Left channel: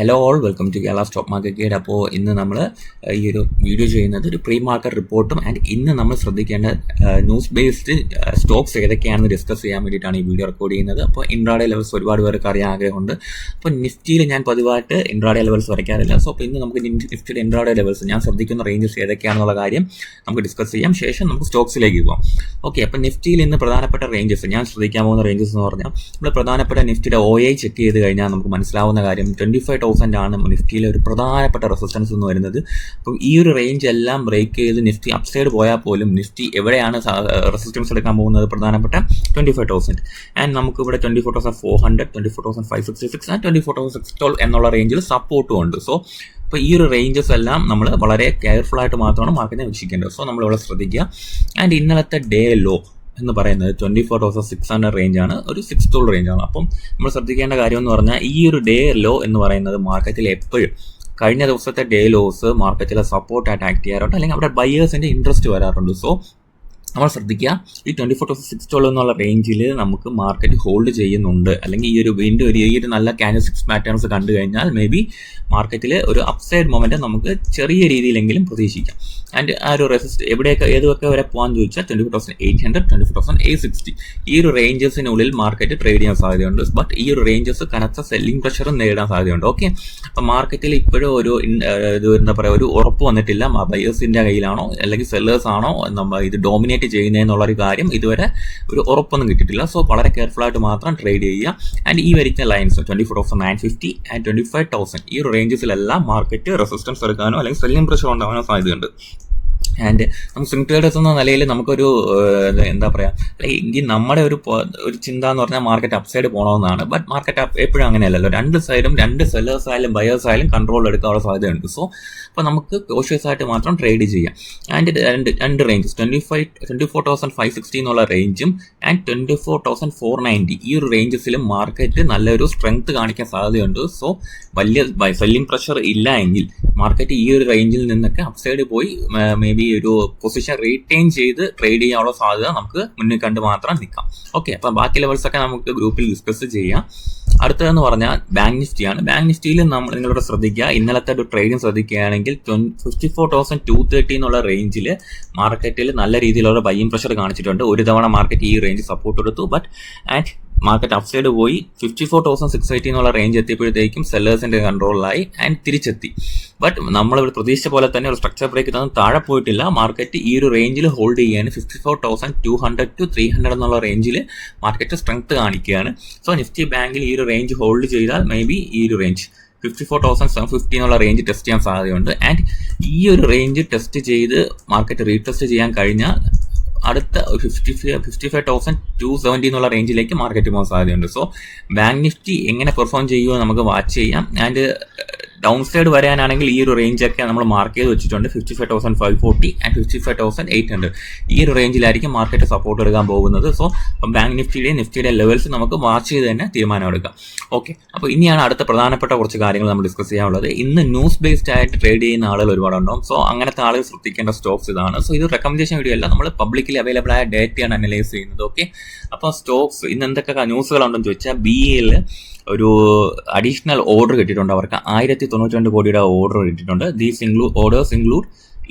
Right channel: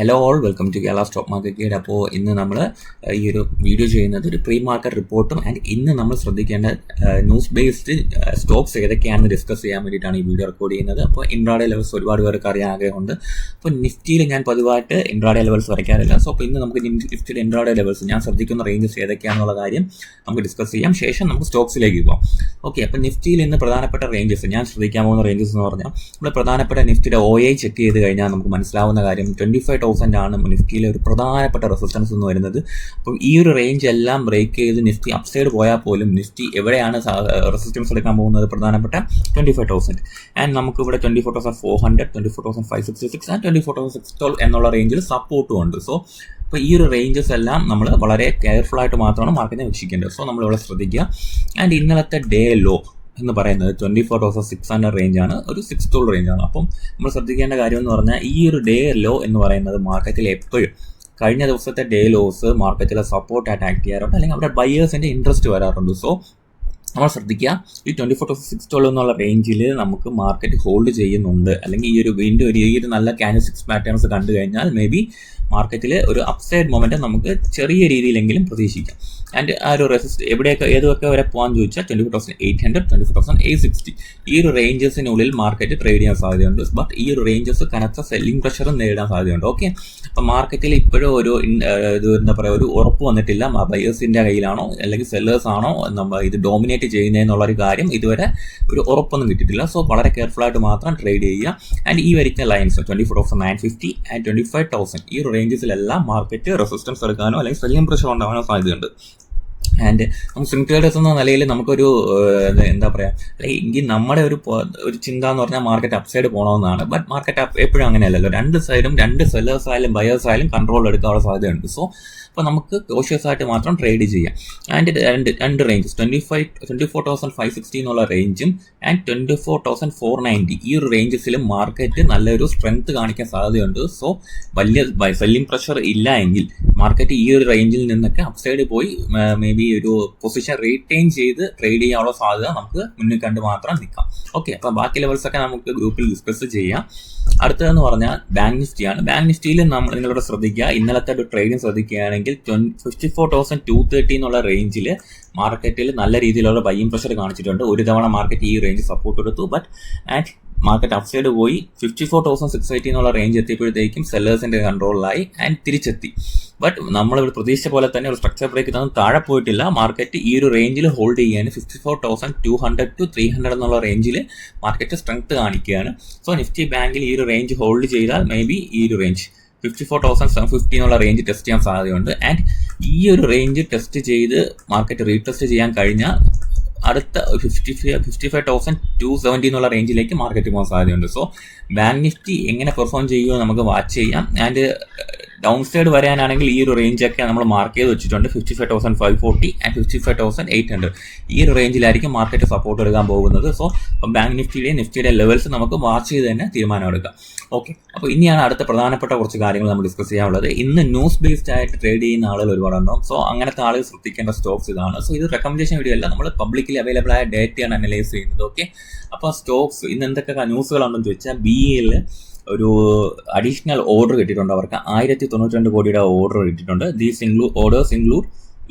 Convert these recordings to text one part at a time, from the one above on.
Hello all, welcome to Kerala stock market guide. അപ്പോൾ ഇന്ന് നമ്മൾ ഈ ഒരു വീഡിയോ ചെയ്യുന്നത് ഒരു പ്രീ മാർക്കറ്റ് റിപ്പോർട്ടും ആൻഡ് ഇന്ന് നമ്മൾ ശ്രദ്ധിക്കേണ്ട ന്യൂസ് ബേസ്ഡ് സ്റ്റോക്സ് ഏതൊക്കെയാണെന്ന് ഡിസ്കസ് ചെയ്യാൻ വേണ്ടിയിട്ടാണ് ഈ വീഡിയോ റെക്കോർഡ് ചെയ്യുന്നത്. അപ്പോൾ ഇൻട്രാഡേ ലെവൽസ് ഒരുപാട് പേർക്ക് അറിയാൻ ആഗ്രഹമുണ്ട്. അപ്പോൾ നിഫ്റ്റിയിൽ ഞാൻ പതിവായിട്ട് ഇൻട്രാഡേ ലെവൽസ് വരയ്ക്കാറില്ല. സോ അപ്പോൾ ഇന്ന് നമുക്ക് നിഫ്റ്റിയുടെ ഇൻട്രാഡേ ലെവൽസ് ഞാൻ ശ്രദ്ധിക്കുന്ന റേഞ്ചസ് ഏതൊക്കെയാണെന്നുള്ള കാര്യം നമുക്ക് ഡിസ്കസ് ചെയ്യാം. ശേഷം നമുക്ക് സ്റ്റോക്സിലേക്ക് പോകാം. ഓക്കെ, അപ്പോൾ നിഫ്റ്റിയിൽ ഇന്ന് പ്രധാനപ്പെട്ട റേഞ്ചസ് ഞാൻ ശ്രദ്ധിക്കാൻ പോകുന്ന റേഞ്ചസ് എന്ന് പറഞ്ഞാൽ നമ്മൾ പ്രധാനപ്പെട്ട നിഫ്റ്റിയുടെ OI ചെക്ക് ചെയ്ത് കഴിഞ്ഞാൽ നമുക്ക് മനസ്സിലാവുന്ന കാര്യം 25,000 ആണ് നിഫ്റ്റിയിലെ ഒരു പ്രധാനപ്പെട്ട റെസിസ്റ്റൻസ് എന്ന് വരുന്നത്. അപ്പം ഈ ഒരു റേഞ്ച് എല്ലാം ബ്രേക്ക് ചെയ്ത് നിഫ്റ്റി അപ്സൈഡ് പോയാൽ പോലും നിഫ്റ്റി എവിടെയാണ് റെസിസ്റ്റൻസ് എടുക്കാൻ പോകുന്നത്? പ്രധാനപ്പെട്ട 25,000 ആൻഡ് നമുക്ക് ഇവിടെ 24,400, 24,566 ആൻഡ് 24,612 എന്നുള്ള റേഞ്ചിൽ സപ്പോർട്ടും ഉണ്ട്. സോ അപ്പോൾ ഈ ഒരു റേഞ്ചസ് എല്ലാം നമ്മൾ വളരെ കെയർഫുൾ ആയിട്ട് മാത്രമാണ് മാർക്കറ്റിനെ വീക്ഷിക്കേണ്ടത്. സോ നമ്മളിവിടെ ശ്രദ്ധിക്കുക. ആൻഡ് ഇന്നലത്തെ ഡേ ലോ എന്ന് പറയുന്നത് 24,600 റേഞ്ചാണ്, ഒരു 612 റേഞ്ചാണ്. അപ്പം നമ്മൾ ശ്രദ്ധിക്കേണ്ട കാര്യം എന്ന് പറഞ്ഞാൽ ഈ ഒരു ഡേ ലോ എന്ന് പറയുന്നത് മാർക്കറ്റിൽ എപ്പോഴും കഴിഞ്ഞ ദിവസത്തെ ഡേ ലോസ് മാർക്കറ്റിലെ സപ്പോർട്ടായിട്ട് ആക്ട് ചെയ്യാറുണ്ട്, അല്ലെങ്കിൽ അവിടെ ബയേഴ്സിൻ്റെ ഇൻട്രസ്റ്റ് വരാറുണ്ട്. സോ നമ്മൾ ശ്രദ്ധിക്കുക, ഈ 24,612 എന്നുള്ള റേഞ്ചിൽ നമുക്ക് മാർക്കറ്റ് ഹോൾഡ് ചെയ്യുന്നുണ്ട്, അല്ലെങ്കിൽ ഈ ഒരു വീണ്ടും ഈ ഒരു നല്ല ക്യാൻഡിൽസ്റ്റിക്സ് പാറ്റേൺസ് കണ്ടു കഴിഞ്ഞാൽ മേ ബി മാർക്കറ്റിൽ ഒരു അപ്സൈഡ് മൊമെൻറ്റം നമുക്ക് ചെറിയ രീതിയിലെങ്കിലും പ്രതീക്ഷിക്കാം. ആൻഡ് ആ ഒരു ഏതൊക്കെ വരെ പോകാൻ ചോദിച്ചാൽ 24,800, 24,860 ഈ ഒരു റേഞ്ചസിനുള്ളിൽ മാർക്കറ്റ് ട്രേഡ് ചെയ്യാൻ സാധ്യതയുണ്ട്. ബട്ട് ഈ ഒരു റേഞ്ചസ് കനത്ത സെല്ലിംഗ് പ്രഷറും നേരിടാൻ സാധ്യതയുണ്ട്. ഓക്കെ, അപ്പം മാർക്കറ്റിൽ ഇപ്പോഴും ഒരു എന്താ പറയുക, ഒരു ഉറപ്പ് വന്നിട്ടില്ല ബയേഴ്സിൻ്റെ കയ്യിലാണോ അല്ലെങ്കിൽ സെല്ലേഴ്സ് ആണോ നമ്മൾ ഇത് ഡോമിനേറ്റ് ചെയ്യുന്നതെന്നുള്ളൊരു കാര്യം ഇതുവരെ ഒരു ഉറപ്പൊന്നും കിട്ടിയിട്ടില്ല. സോ വളരെ കെയർഫുള്ളായിട്ട് മാത്രം ട്രേഡ് ചെയ്യുക. ആൻഡ് ഈ വരിക്കുന്ന ലൈൻസ് 24,950 ആൻഡ് 25,000 ഈ ഒരു റേഞ്ചസിലെല്ലാം മാർക്കറ്റ് റെസിസ്റ്റൻസ് എടുക്കാനോ അല്ലെങ്കിൽ സെല്ലിംഗ് പ്രഷർ ഉണ്ടാകാനോ സാധ്യതയുണ്ട്. ആൻഡ് നമുക്ക് സ്വിംഗ് ട്രേഡേഴ്സ് എന്ന നിലയിൽ നമുക്കൊരു എന്താ പറയുക, അല്ലെങ്കിൽ നമ്മുടെ ഒരു ചിന്ത എന്ന് പറഞ്ഞാൽ മാർക്കറ്റ് അപ്സൈഡ് പോകണമെന്നാണ്. ബട്ട് മാർക്കറ്റ് എപ്പോഴും അങ്ങനെയല്ലല്ലോ. രണ്ട് സൈഡും, രണ്ട് സെല്ലേഴ്സ് ആയാലും ബയേഴ്സ് ആയാലും കൺട്രോൾ എടുക്കാനുള്ള സാധ്യതയുണ്ട്. സോ അപ്പോൾ നമുക്ക് കോഷ്യസ് ആയിട്ട് മാത്രം ട്രേഡ് ചെയ്യാം. ആൻഡ് രണ്ട് റേഞ്ചസ് 24,560 എന്നുള്ള റേഞ്ചും ആൻഡ് 24,490 ഈ ഒരു റേഞ്ചസിലും മാർക്കറ്റ് നല്ലൊരു സ്ട്രെങ്ത് കാണിക്കാൻ സാധ്യതയുണ്ട്. സോ വലിയ സെല്ലിംഗ് പ്രഷർ ഇല്ല എങ്കിൽ മാർക്കറ്റ് ഈ ഒരു റേഞ്ചിൽ നിന്നൊക്കെ അപ്സൈഡ് പോയി മേ ബി ഒരു പൊസിഷൻ റീറ്റെയിൻ ചെയ്ത് ട്രേഡ് ചെയ്യാനുള്ള സാധ്യത നമുക്ക് മുന്നിൽ കണ്ട് മാത്രം നിൽക്കാം. ഓക്കെ, അപ്പം ബാക്കി ലെവൽസൊക്കെ നമുക്ക് ഗ്രൂപ്പിൽ ഡിസ്കസ് ചെയ്യാം. അടുത്തതെന്ന് പറഞ്ഞാൽ ബാങ്ക് നിഫ്റ്റിയാണ്. ബാങ്ക് നിഫ്റ്റിയിൽ നിങ്ങളോട് ശ്രദ്ധിക്കുക, ഇന്നലത്തെ ഒരു ട്രേഡിങ് ശ്രദ്ധിക്കുകയാണെങ്കിൽ 54,230 എന്നുള്ള റേഞ്ചിൽ മാർക്കറ്റിൽ നല്ല രീതിയിലുള്ള ബൈയിങ് പ്രഷർ കാണിച്ചിട്ടുണ്ട്. ഒരു തവണ മാർക്കറ്റ് ഈ റേഞ്ച് സപ്പോർട്ട് എടുത്തു, ബട്ട് ആൻഡ് മാർക്കറ്റ് അപ്സൈഡ് പോയി 54,680 എന്നുള്ള റേഞ്ച് എത്തിയപ്പോഴത്തേക്കും സെല്ലേഴ്സിൻ്റെ കൺട്രോളിലായി ആൻഡ് തിരിച്ചെത്തി. ബട്ട് നമ്മളിവിടെ പ്രതീക്ഷിച്ച പോലെ തന്നെ ഒരു സ്ട്രക്ചർ ബ്രേക്ക് ഇതൊന്നും താഴെ പോയിട്ടില്ല. മാർക്കറ്റ് ഈ ഒരു റേഞ്ചിൽ ഹോൾഡ് ചെയ്യുകയാണ്. 54,200 to 300 എന്നുള്ള റേഞ്ചിൽ മാർക്കറ്റ് സ്ട്രെങ്ത് കാണിക്കുകയാണ്. സോ നിഫ്റ്റി ബാങ്കിൽ ഈ ഒരു റേഞ്ച് ഹോൾഡ് ചെയ്താൽ മേ ബി ഈ ഒരു റേഞ്ച് 54,750 എന്നുള്ള റേഞ്ച് ടെസ്റ്റ് ചെയ്യാൻ സാധ്യതയുണ്ട്. ആൻഡ് ഈ ഒരു റേഞ്ച് ടെസ്റ്റ് ചെയ്ത് മാർക്കറ്റ് റീടെസ്റ്റ് ചെയ്യാൻ കഴിഞ്ഞാൽ അടുത്ത 55,270 എന്നുള്ള റേഞ്ചിലേക്ക് മാർക്കറ്റ് പോകാൻ സാധ്യതയുണ്ട്. സോ ബാങ്ക് നിഫ്റ്റി എങ്ങനെ പെർഫോം ചെയ്യുമോ നമുക്ക് വാച്ച് ചെയ്യാം. ആൻഡ് ഡൗൺ സൈഡ് വരാനാണെങ്കിൽ ഈ ഒരു റേഞ്ചൊക്കെ നമ്മൾ മാർക്ക് ചെയ്ത് വെച്ചിട്ടുണ്ട്. 55,540 ആൻഡ് 55,800 ഈ ഒരു റേഞ്ചിലായിരിക്കും മാർക്കറ്റ് സപ്പോർട്ട് എടുക്കാൻ പോകുന്നത്. സോ ബാങ്ക് നിഫ്റ്റിയുടെ ലെവൽസ് നമുക്ക് വാച്ച് ചെയ്ത് തന്നെ തീരുമാനം എടുക്കാം. ഓക്കെ, അപ്പോൾ ഇനിയാണ് അടുത്ത പ്രധാനപ്പെട്ട കുറച്ച് കാര്യങ്ങൾ നമ്മൾ ഡിസ്കസ് ചെയ്യാനുള്ളത്. ഇന്ന് ന്യൂസ് ബേസ്ഡ് ആയിട്ട് ട്രേഡ് ചെയ്യുന്ന ആളുകൾ ഒരുപാടുണ്ടാവും. സോ അങ്ങനത്തെ ആളുകൾ ശ്രദ്ധിക്കേണ്ട സ്റ്റോക്സ് ഇതാണ്. സോ ഇത് റെക്കമെൻഡേഷൻ വീഡിയോ അല്ല, നമ്മൾ പബ്ലിക്കലി അവൈലബിൾ ആയ ഡേറ്റയാണ് അനലൈസ് ചെയ്യുന്നത്. ഓക്കെ, അപ്പോൾ സ്റ്റോക്സ് ഇന്ന് എന്തൊക്കെ ന്യൂസുകളുണ്ടെന്ന് ചോദിച്ചാൽ BEL ഒരു അഡീഷണൽ ഓർഡർ കിട്ടിയിട്ടുണ്ട്. അവർക്ക് 1,092 കോടിയുടെ ഓർഡർ കിട്ടിയിട്ടുണ്ട്. Orders include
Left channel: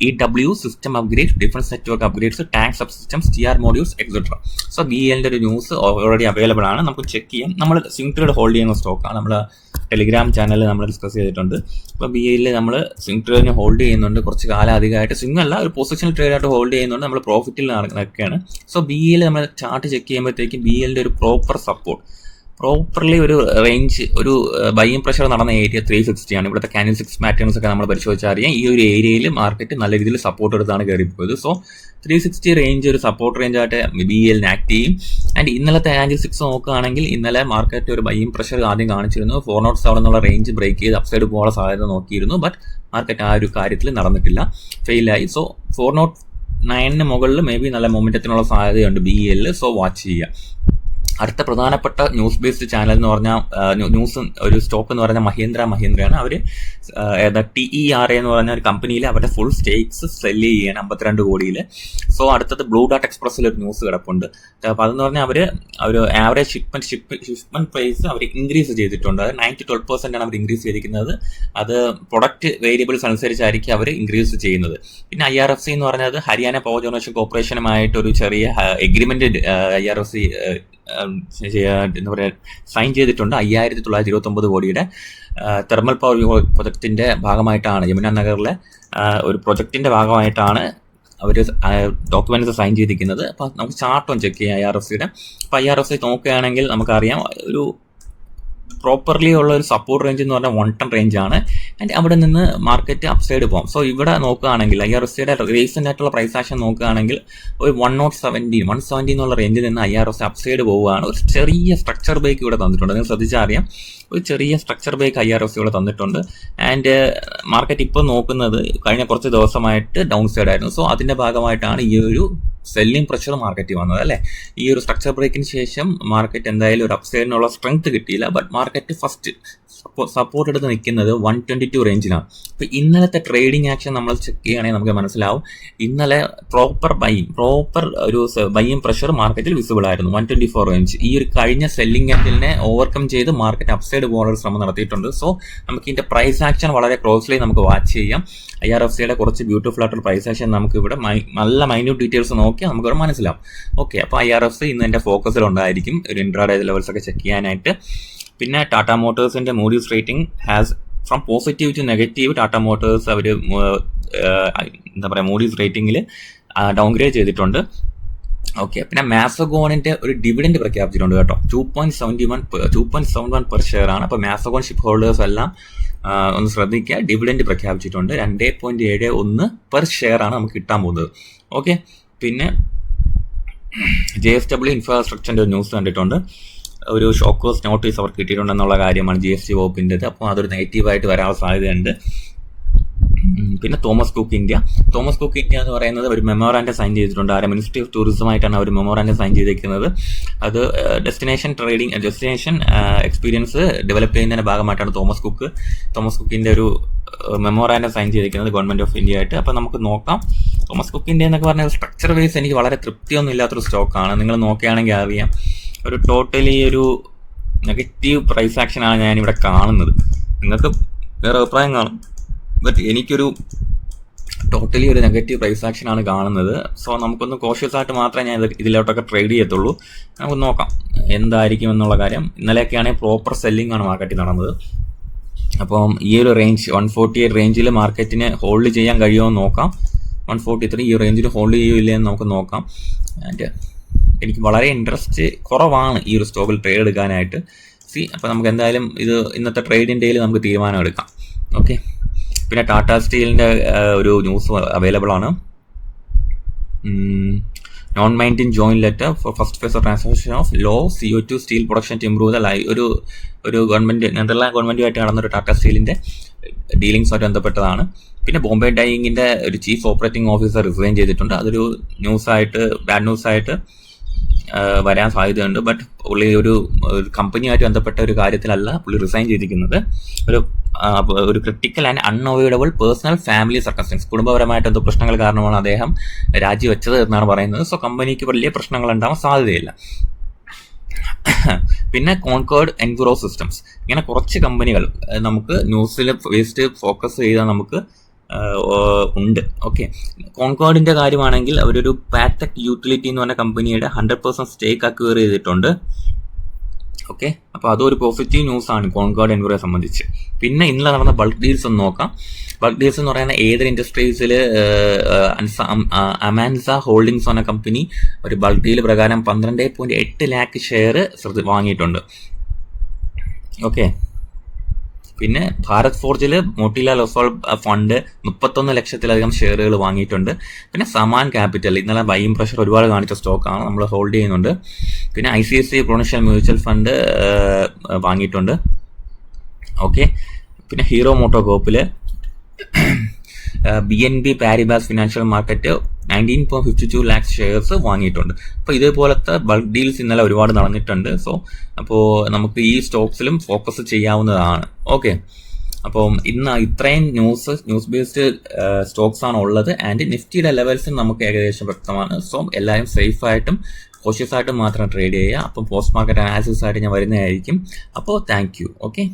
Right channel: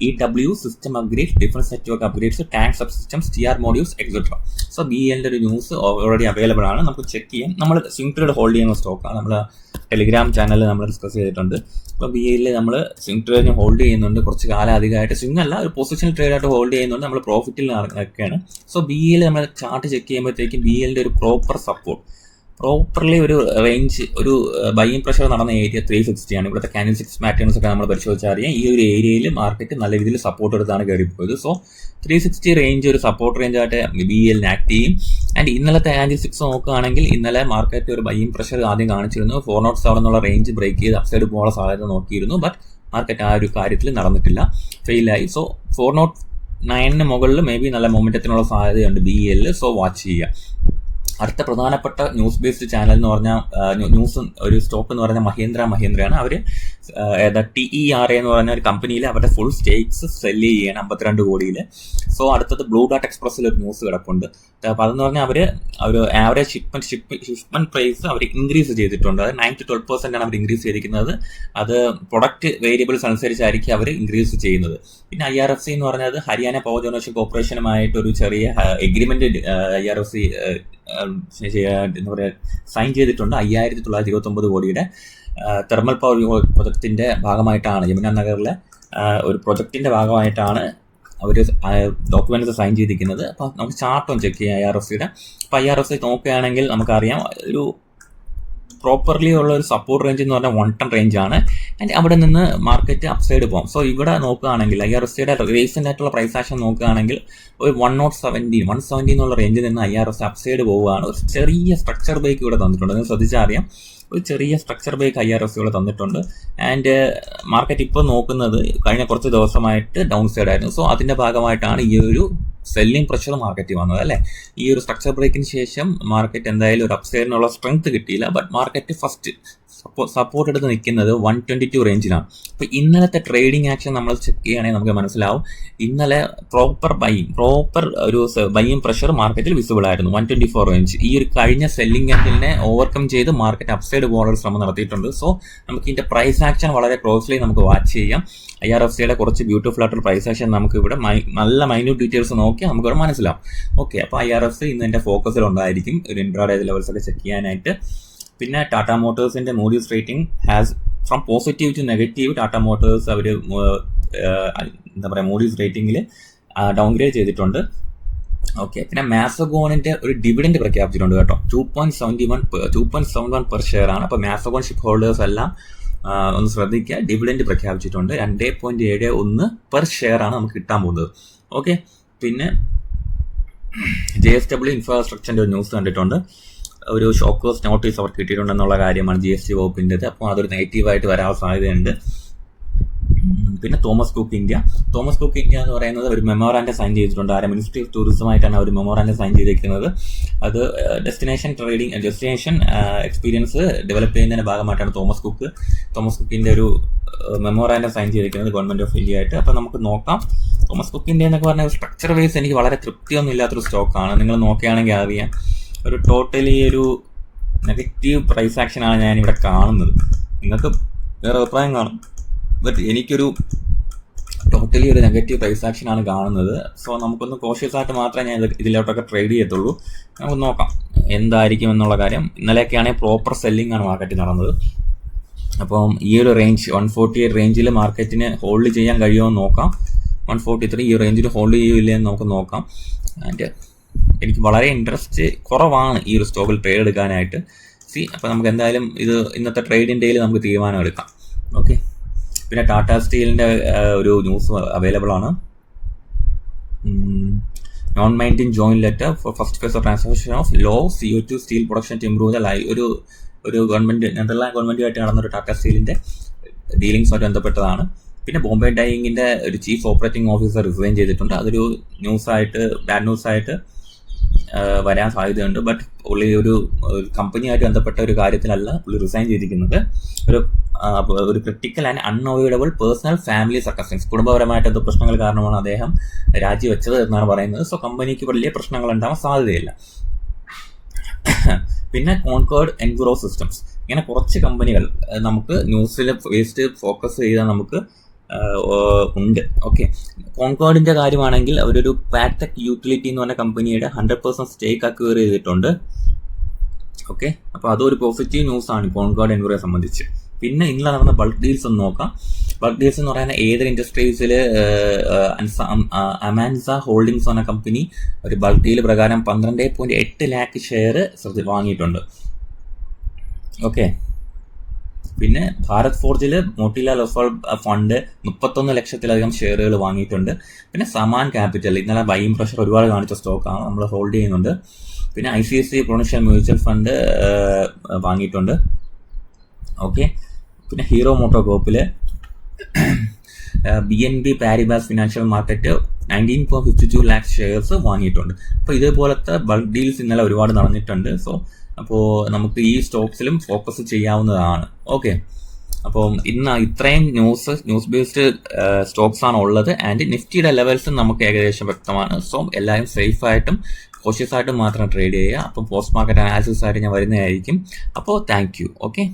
EW system upgrade, difference network upgrades, tank sub systems, TR modules etcetera. So BELന്റെ ഒരു ന്യൂസ് ഓൾറെഡി അവൈലബിൾ ആണ്, നമുക്ക് ചെക്ക് ചെയ്യാം. നമ്മൾ സ്വിംഗ് ട്രേഡ് ഹോൾഡ് ചെയ്യുന്ന സ്റ്റോക്കാണ്. നമ്മൾ ടെലിഗ്രാം ചാനലിൽ നമ്മൾ ഡിസ്കസ് ചെയ്തിട്ടുണ്ട്. അപ്പോൾ BEL നമ്മൾ സ്വിംഗ് ട്രേഡിന് ഹോൾഡ് ചെയ്യുന്നുണ്ട്. കുറച്ച് കാലം അധികമായിട്ട് സ്വിംഗ് അല്ല, ഒരു പൊസിഷണൽ ട്രേഡായിട്ട് ഹോൾഡ് ചെയ്യുന്നുണ്ട്. നമ്മൾ പ്രോഫിറ്റിൽ നടക്കുകയാണ്. സോ BEL നമ്മൾ ചാർട്ട് ചെക്ക് ചെയ്യുമ്പോഴത്തേക്കും BELന്റെ ഒരു പ്രോപ്പർലി ഒരു റേഞ്ച്, ഒരു ബൈയിങ് പ്രഷർ നടന്ന ഏരിയ 360 ആണ്. ഇവിടുത്തെ ക്യാൻഡിൽസ്റ്റിക്സ് പാറ്റേൺസ് ഒക്കെ നമ്മൾ പരിശോധിച്ചാൽ അറിയാം. ഈ ഒരു ഏരിയയിൽ മാർക്കറ്റ് നല്ല രീതിയിൽ സപ്പോർട്ട് എടുത്താണ് കയറിപ്പോയത്. സോ 360 റേഞ്ച് ഒരു സപ്പോർട്ട് റേഞ്ചായിട്ട് BEL ആക്ട് ചെയ്യും. ആൻഡ് ഇന്നലത്തെ ക്യാൻഡിൽസ്റ്റിക്സ് നോക്കുകയാണെങ്കിൽ ഇന്നലെ മാർക്കറ്റ് ഒരു ബൈയിങ് പ്രഷർ ആദ്യം കാണിച്ചിരുന്നു. 407 എന്നുള്ള റേഞ്ച് ബ്രേക്ക് ചെയ്ത് അപ്സൈഡ് പോകാനുള്ള സാധ്യത നോക്കിയിരുന്നു. ബട്ട് മാർക്കറ്റ് ആ ഒരു കാര്യത്തിൽ നടന്നിട്ടില്ല, ഫെയിലായി. സോ 409 മുകളിൽ മേ ബി നല്ല മൊമെൻറ്റത്തിനുള്ള സാധ്യതയുണ്ട് BEL. സോ വാച്ച് ചെയ്യുക. അടുത്ത പ്രധാനപ്പെട്ട ന്യൂസ് ബേസ്ഡ് ചാനൽ എന്ന് പറഞ്ഞാൽ ന്യൂസ് ഒരു സ്റ്റോക്ക് എന്ന് പറഞ്ഞാൽ മഹീന്ദ്രയാണ്. അവർ TERA എന്ന് പറഞ്ഞ ഒരു കമ്പനിയിൽ അവരുടെ ഫുൾ സ്റ്റേക്സ് സെല്ല് ചെയ്യാണ് 52 കോടിയിൽ. സോ അടുത്തത് ബ്ലൂ ഡാർട്ട് എക്സ്പ്രസ്സിൽ ഒരു ന്യൂസ് കിടപ്പുണ്ട്. അപ്പോൾ അതെന്ന് പറഞ്ഞാൽ അവർ ഒരു ആവറേജ് ഷിപ്മെന്റ് പ്രൈസ് അവർ ഇൻക്രീസ് ചെയ്തിട്ടുണ്ട്. അത് 9-12% ആണ് അവർ ഇൻക്രീസ് ചെയ്തിരിക്കുന്നത്. അത് പ്രൊഡക്റ്റ് വേരിയബിൾസ് അനുസരിച്ചായിരിക്കും അവർ ഇൻക്രീസ് ചെയ്യുന്നത്. പിന്നെ IRFC എന്ന് പറഞ്ഞത് ഹരിയാന പവർ ജനറേഷൻ കോർപ്പറേഷനുമായിട്ട് ഒരു ചെറിയ എഗ്രിമെന്റ് IRFC എന്താ പറയുക സൈൻ ചെയ്തിട്ടുണ്ട്. 5929 കോടിയുടെ തെർമൽ പവർ പ്രൊജക്ടിന്റെ ഭാഗമായിട്ടാണ്, യമുന നഗറിലെ ഒരു പ്രൊജക്ടിന്റെ ഭാഗമായിട്ടാണ് അവർ ഡോക്യുമെന്റ്സ് സൈൻ ചെയ്തിരിക്കുന്നത്. അപ്പോൾ നമുക്ക് ചാർട്ട് ഒന്ന് ചെക്ക് ചെയ്യാം IRFCയുടെ. അപ്പോൾ IRFC നോക്കുകയാണെങ്കിൽ നമുക്കറിയാം ഒരു പ്രോപ്പർലി ഉള്ള ഒരു സപ്പോർട്ട് റേഞ്ച് എന്ന് പറഞ്ഞാൽ 110 റേഞ്ചാണ്. ആൻഡ് അവിടെ നിന്ന് മാർക്കറ്റ് അപ്സൈഡ് പോകും. സോ ഇവിടെ നോക്കുകയാണെങ്കിൽ IRFCയുടെ റീസെൻ്റ് ആയിട്ടുള്ള പ്രൈസ് ആക്ഷൻ നോക്കുകയാണെങ്കിൽ ഒരു 170 എന്നുള്ള റേഞ്ചിൽ നിന്ന് IRFC അപ്സൈഡ് പോവുകയാണ്. ഒരു ചെറിയ സ്ട്രക്ചർ ബ്രേക്ക് ഇവിടെ തന്നിട്ടുണ്ട്. നിങ്ങൾ ശ്രദ്ധിച്ചാൽ അറിയാം, ഒരു ചെറിയ സ്ട്രക്ചർ ബ്രേക്ക് IRFC ഇവിടെ തന്നിട്ടുണ്ട്. ആൻഡ് മാർക്കറ്റ് ഇപ്പോൾ നോക്കുന്നത് കഴിഞ്ഞ കുറച്ച് ദിവസമായിട്ട് ഡൗൺ സൈഡ് ആയിരുന്നു. സോ അതിൻ്റെ ഭാഗമായിട്ടാണ് ഈ ഒരു സെല്ലിംഗ് പ്രഷർ മാർക്കറ്റിൽ വന്നത് അല്ലേ. ഈ ഒരു സ്ട്രക്ചർ ബ്രേക്കിന് ശേഷം മാർക്കറ്റ് എന്തായാലും ഒരു അപ്സൈഡിനുള്ള സ്ട്രെങ്ത് കിട്ടിയില്ല. ബട്ട് മാർക്കറ്റ് ഫസ്റ്റ് സപ്പോർട്ട് എടുത്ത് നിൽക്കുന്നത് 122 റേഞ്ചിലാണ്. അപ്പോൾ ഇന്നലത്തെ ട്രേഡിംഗ് ആക്ഷൻ നമ്മൾ ചെക്ക് ചെയ്യുകയാണെങ്കിൽ നമുക്ക് മനസ്സിലാവും, ഇന്നലെ പ്രോപ്പർ ഒരു ബൈയിങ് പ്രഷർ മാർക്കറ്റിൽ വിസിബിൾ ആയിരുന്നു 124 റേഞ്ച്. ഈ ഒരു കഴിഞ്ഞ സെല്ലിംഗ് ക്യാൻഡിലിനെ ഓവർകം ചെയ്ത് മാർക്കറ്റ് അപ്സൈഡ് പോകാനുള്ള ശ്രമം നടത്തിയിട്ടുണ്ട്. സോ നമുക്ക് ഇതിൻ്റെ പ്രൈസ് ആക്ഷൻ വളരെ ക്ലോസ്ലി നമുക്ക് വാച്ച് ചെയ്യാം. IRFCയുടെ കുറച്ച് ബ്യൂട്ടിഫുൾ ആയിട്ടുള്ള പ്രൈസ് ആക്ഷൻ നമുക്ക് ഇവിടെ നല്ല മൈന്യൂട്ട് ഡീറ്റെയിൽസ് നോക്കിയാൽ നമുക്കിവിടെ മനസ്സിലാവും. ഓക്കെ, അപ്പോൾ IRFC ഇന്ന് എൻ്റെ ഫോക്കസിലുണ്ടായിരിക്കും ഒരു ഇൻട്രാഡേ ലെവൽസ് ഒക്കെ ചെക്ക് ചെയ്യാനായിട്ട്. പിന്നെ ടാറ്റ മോട്ടോഴ്സിൻ്റെ Moody's rating has from positive to negative. Tata motors അവർ എന്താ പറയുക മൂഡീസ് റേറ്റിംഗിൽ ഡൗൺഗ്രേഡ് ചെയ്തിട്ടുണ്ട്. ഓക്കെ, പിന്നെ മാസഗോണിൻ്റെ ഒരു ഡിവിഡൻഡ് പ്രഖ്യാപിച്ചിട്ടുണ്ട് കേട്ടോ. 2.71 പെർ ഷെയർ ആണ്. അപ്പോൾ മാസഗോൺ ഷിപ്പ് ഹോൾഡേഴ്സ് എല്ലാം ഒന്ന് ശ്രദ്ധിക്കുക, ഡിവിഡൻഡ് പ്രഖ്യാപിച്ചിട്ടുണ്ട്. 2.71 പെർ ഷെയർ ആണ് നമുക്ക് കിട്ടാൻ പോകുന്നത്. ഓക്കെ, പിന്നെ JSW ഇൻഫ്രാസ്ട്രക്ചറിൻ്റെ ഒരു ന്യൂസ് കണ്ടിട്ടുണ്ട്. ഒരു ഷോക്കേഴ്സ് നോട്ടീസ് അവർക്ക് കിട്ടിയിട്ടുണ്ടെന്നുള്ള കാര്യമാണ് GST വകുപ്പിൻ്റെത്. അപ്പോൾ അതൊരു നെഗറ്റീവായിട്ട് വരാനുള്ള സാധ്യതയുണ്ട്. പിന്നെ തോമസ് കുക്ക് ഇന്ത്യ എന്ന് പറയുന്നത് ഒരു മെമ്മോറാൻഡം സൈൻ ചെയ്തിട്ടുണ്ട്. മിനിസ്ട്രി ഓഫ് ടൂറിസമായിട്ടാണ് ഒരു മെമ്മോറാൻഡം സൈൻ ചെയ്തിരിക്കുന്നത്. അത് ഡെസ്റ്റിനേഷൻ എക്സ്പീരിയൻസ് ഡെവലപ്പ് ചെയ്യുന്നതിൻ്റെ ഭാഗമായിട്ടാണ് തോമസ് കുക്കിൻ്റെ ഒരു മെമ്മോറാൻഡം സൈൻ ചെയ്തിരിക്കുന്നത് ഗവൺമെൻറ് ഓഫ് ഇന്ത്യ ആയിട്ട്. അപ്പോൾ നമുക്ക് നോക്കാം. തോമസ് കുക്ക് ഇന്ത്യ എന്നൊക്കെ പറഞ്ഞാൽ സ്ട്രക്ചർ വൈസ് എനിക്ക് വളരെ തൃപ്തിയൊന്നും ഇല്ലാത്തൊരു സ്റ്റോക്കാണ്. നിങ്ങൾ നോക്കുകയാണെങ്കിൽ അറിയാം, ഒരു ടോട്ടലി ഒരു നെഗറ്റീവ് പ്രൈസ് ആക്ഷനാണ് ഞാനിവിടെ കാണുന്നത്. നിങ്ങൾക്ക് വേറെ അഭിപ്രായം കാണും, ബട്ട് എനിക്കൊരു ടോട്ടലി ഒരു നെഗറ്റീവ് പ്രൈസ് ആക്ഷനാണ് കാണുന്നത്. സോ നമുക്കൊന്ന് കോഷ്യസ് ആയിട്ട് മാത്രമേ ഞാൻ ഇതിലോട്ടൊക്കെ ട്രേഡ് ചെയ്യത്തുള്ളൂ. നമുക്ക് നോക്കാം എന്തായിരിക്കും എന്നുള്ള കാര്യം. ഇന്നലെയൊക്കെയാണെങ്കിൽ പ്രോപ്പർ സെല്ലിംഗ് ആണ് മാർക്കറ്റിൽ നടന്നത്. അപ്പം ഈ ഒരു റേഞ്ച് 148 റേഞ്ചിൽ മാർക്കറ്റിന് ഹോൾഡ് ചെയ്യാൻ കഴിയുമോ എന്ന് നോക്കാം. 143 ഈ റേഞ്ചിൽ ഹോൾഡ് ചെയ്യില്ലേ എന്ന് നമുക്ക് നോക്കാം. ആൻഡ് എനിക്ക് വളരെ ഇൻട്രസ്റ്റ് കുറവാണ് ഈ ഒരു സ്റ്റോക്കിൽ ട്രേഡ് എടുക്കാനായിട്ട്. അപ്പോൾ നമുക്ക് എന്തായാലും ഇത് ഇന്നത്തെ ട്രേഡിംഗ് ഡേയിൽ നമുക്ക് തീരുമാനം എടുക്കാം. ഓക്കെ, പിന്നെ ടാറ്റ സ്റ്റീലിൻ്റെ ഒരു ന്യൂസ് അവൈലബിൾ ആണ്. Non binding joint letter for first phase of transaction of low CO2 steel production to improve the ഒരു ഗവൺമെൻറ് നെതർലാൻഡ് ഗവൺമെൻറ്റുമായിട്ട് നടന്നൊരു ടാറ്റ സ്റ്റീലിൻ്റെ ഡീലിങ്സുമായിട്ട് ബന്ധപ്പെട്ടതാണ്. പിന്നെ ബോംബെ ഡൈയിങ്ങിൻ്റെ ഒരു ചീഫ് ഓപ്പറേറ്റിംഗ് ഓഫീസർ റിസൈൻ ചെയ്തിട്ടുണ്ട്. അതൊരു ബാഡ് ന്യൂസായിട്ട് വരാൻ സാധ്യതയുണ്ട്. ബട്ട് പുള്ളി ഒരു കമ്പനിയുമായിട്ട് ബന്ധപ്പെട്ട ഒരു കാര്യത്തിലല്ല പുള്ളി റിസൈൻ ചെയ്തിരിക്കുന്നത്. ഒരു critical and unavoidable personal family circumstances, കുടുംബപരമായിട്ട് എന്തോ പ്രശ്നങ്ങൾ കാരണമാണ് അദ്ദേഹം രാജിവെച്ചത് എന്നാണ് പറയുന്നത്. സോ കമ്പനിക്ക് വലിയ പ്രശ്നങ്ങൾ ഉണ്ടാവാൻ സാധ്യതയില്ല. പിന്നെ കോൺകോർഡ് എൻവിറോ സിസ്റ്റംസ്, ഇങ്ങനെ കുറച്ച് കമ്പനികൾ നമുക്ക് ന്യൂസിൽ വേസ്റ്റ് ഫോക്കസ് ചെയ്താൽ നമുക്ക് ഉണ്ട്. ഓക്കെ, കോൺകോർഡിൻ്റെ കാര്യമാണെങ്കിൽ അവരൊരു പാറ്റക് യൂട്ടിലിറ്റി എന്ന് പറഞ്ഞ കമ്പനിയുടെ 100% സ്റ്റേക്ക് അക്വയർ ചെയ്തിട്ടുണ്ട്. ഓക്കെ, അപ്പോൾ അതൊരു പോസിറ്റീവ് ന്യൂസാണ് കോൺകോർഡ് എൻവിറോയെ സംബന്ധിച്ച്. പിന്നെ ഇന്നലെ നടന്ന ബൾക്ക് ഡീൽസ് ഒന്ന് നോക്കാം. ബൾക്ക് ഡീൽസ് എന്ന് പറയുന്ന ഏതൊരു ഇൻഡസ്ട്രീസിൽ അമാൻസ ഹോൾഡിങ്സ് എന്ന കമ്പനി ഒരു ബൾക്ക് ഡീൽ പ്രകാരം 12.8 ലാക്ക് ഷെയർ വാങ്ങിയിട്ടുണ്ട്. ഓക്കെ, പിന്നെ ഭാരത് ഫോർജിൽ മോട്ടിലാൽ ഒസ്വാൾ ഫണ്ട് 31 ലക്ഷത്തിലധികം ഷെയറുകൾ വാങ്ങിയിട്ടുണ്ട്. പിന്നെ സമാൻ ക്യാപിറ്റൽ ഇന്നലെ ബൈയിങ് പ്രഷർ ഒരുപാട് കാണിച്ച സ്റ്റോക്കാണ്, നമ്മൾ ഹോൾഡ് ചെയ്യുന്നുണ്ട്. പിന്നെ ICICI പ്രൊഡൻഷ്യൽ മ്യൂച്വൽ ഫണ്ട് വാങ്ങിയിട്ടുണ്ട്. ഓക്കെ, പിന്നെ ഹീറോ മോട്ടോ കോപ്പിൽ BNB Paribas financial market 19.52 lakhs shares വാങ്ങിയിട്ടുണ്ട്. അപ്പോൾ ഇതേപോലത്തെ ബൾക്ക് ഡീൽസ് ഇന്നലെ ഒരുപാട് നടന്നിട്ടുണ്ട്. അപ്പോൾ നമുക്ക് ഈ സ്റ്റോക്സിലും ഫോക്കസ് ചെയ്യാവുന്നതാണ്. ഓക്കെ, അപ്പം ഇന്ന് ഇത്രയും ന്യൂസ് ബേസ്ഡ് സ്റ്റോക്സ് ആണ് ഉള്ളത്. ആൻഡ് നിഫ്റ്റിയുടെ ലെവൽസും നമുക്ക് ഏകദേശം വ്യക്തമാണ്. സോ എല്ലാവരും സേഫായിട്ടും കോഷ്യസ് ആയിട്ടും മാത്രം ട്രേഡ് ചെയ്യുക. അപ്പം പോസ്റ്റ് മാർക്കറ്റ് അനാലിസിസ് ആയിട്ട് ഞാൻ വരുന്നതായിരിക്കും. അപ്പോൾ താങ്ക് യു. ഓക്കെ.